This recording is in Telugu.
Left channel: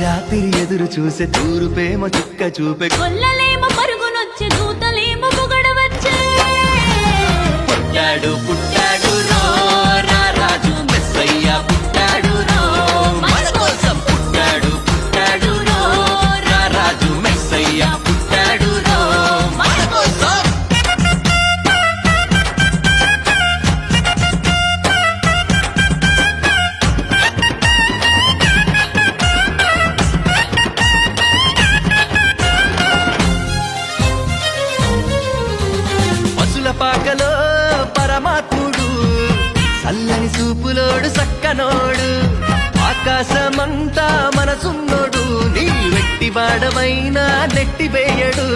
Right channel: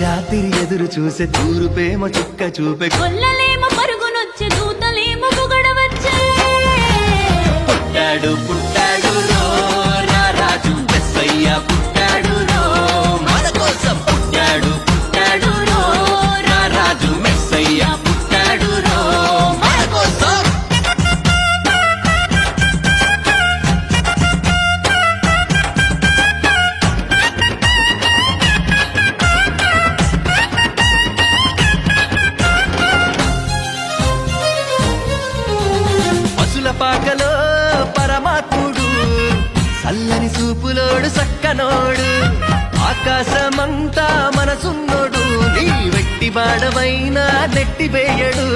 రాత్రి ఎదురు చూసే తూరుపేమో చుక్క చూపే కొల్లలేమో పరుగునొచ్చే దూతలేమో పొగడవచ్చే పుట్టాడు పుట్టాడు రో రా రాజు మెస్సయ్య పుట్టాడు రో మన కోసం పుట్టాడు పుట్టాడు రో రా రాజు మెస్సయ్య పుట్టాడు రో మన కోసం. పశుల పాకలో పరమాత్ముడు చల్లని సూపులోడు సక్కనోడు ఆకాశమంతా మనసున్నోడు నీ వెట్టి బాడవైనా నెట్టివేయడు.